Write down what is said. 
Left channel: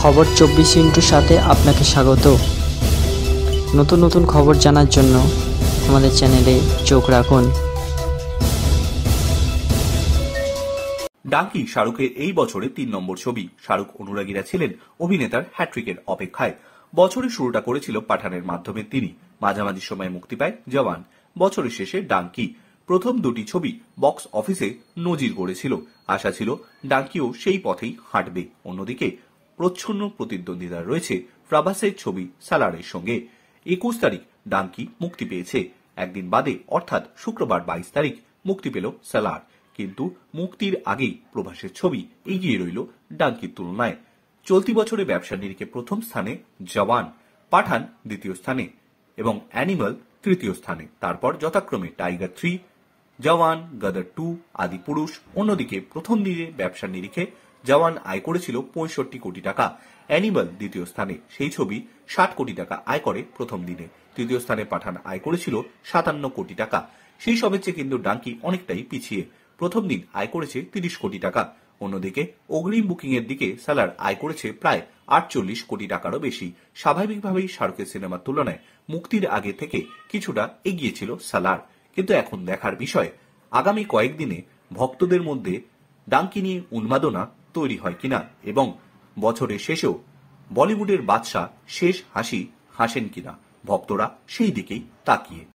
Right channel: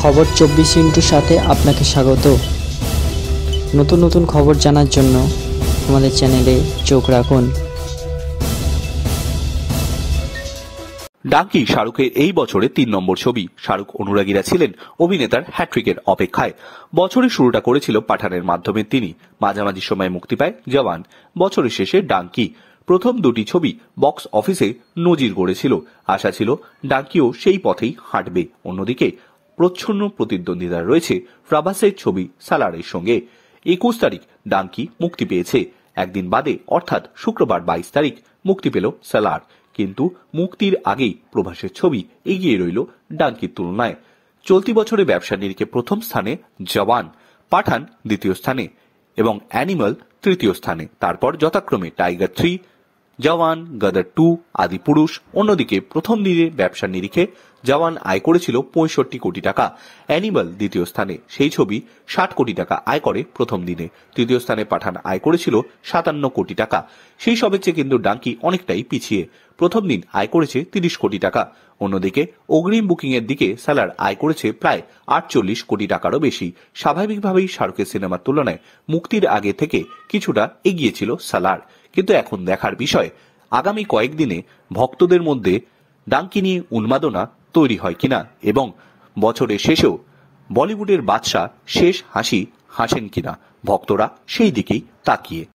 খবর 24 সাথে আপনাকে স্বাগত। নতুন নতুন খবর জানার জন্য আমাদের চ্যানেলে চোখ রাখুন। ডাঙ্কি শাহরুখের এই বছরের 3 নম্বর ছবি। শাহরুখ অনুরাগীরা ছিলেন অভিনেতার হ্যাট্রিকের অপেক্ষায়। বছরের শুরুটা করেছিল পাঠানের মাধ্যমে তিনি। মাঝামাঝি সময়ে মুক্তি পায় জওয়ান, বছরের শেষে ডাঙ্কি। প্রথম দুটি ছবি বক্স অফিসে নজির গড়েছিল। আশা ছিল ডাঙ্কিও সেই পথেই হাঁটবে। অন্যদিকে প্রচ্ছন্ন প্রতিদ্বন্দ্বিতা রয়েছে প্রভাসের ছবি সালারের সঙ্গে। 21 তারিখ ডাঙ্কি মুক্তি পেয়েছে। একদিন বাদে অর্থাৎ শুক্রবার 22 তারিখ মুক্তি পেল সালার। কিন্তু মুক্তির আগেই প্রভাসের ছবি এগিয়ে রইল ডাঙ্কির তুলনায়। চলতি বছরে ব্যবসার নিরিখে প্রথম স্থানে জওয়ান, পাঠান দ্বিতীয় স্থানে এবং অ্যানিমাল তৃতীয় স্থানে। তারপর যথাক্রমে টাইগার 3, জওয়ান, গদর 2, আদিপুরুষ। অন্যদিকে প্রথম দিনে ব্যবসার নিরিখে জওয়ান আয় করেছিল 65 কোটি টাকা, অ্যানিমাল দ্বিতীয় স্থানে, সেই ছবি 60 কোটি টাকা আয় করে প্রথম দিনে। তৃতীয় স্থানে পাঠান আয় করেছিল 57 কোটি টাকা। সেই সবের চেয়ে কিন্তু ডাঙ্কি অনেকটাই পিছিয়ে। প্রথম দিন আয় করেছে 30 কোটি টাকা। অন্যদিকে অগ্রিম বুকিং এর দিকে সালার আয় করেছে প্রায় 48 কোটি টাকারও বেশি। স্বাভাবিকভাবেই শাহরুখের সিনেমার তুলনায় মুক্তির আগে থেকে কিছুটা এগিয়েছিল সালার। কিন্তু এখন দেখার বিষয় আগামী কয়েকদিনে ভক্তদের মধ্যে ডাঙ্কি নিয়ে উন্মাদনা তৈরি হয় কিনা এবং বছরের শেষেও বলিউডের বাদশা শেষ হাসি হাসেন কিনা, ভক্তরা সেই দিকেই তাকিয়ে।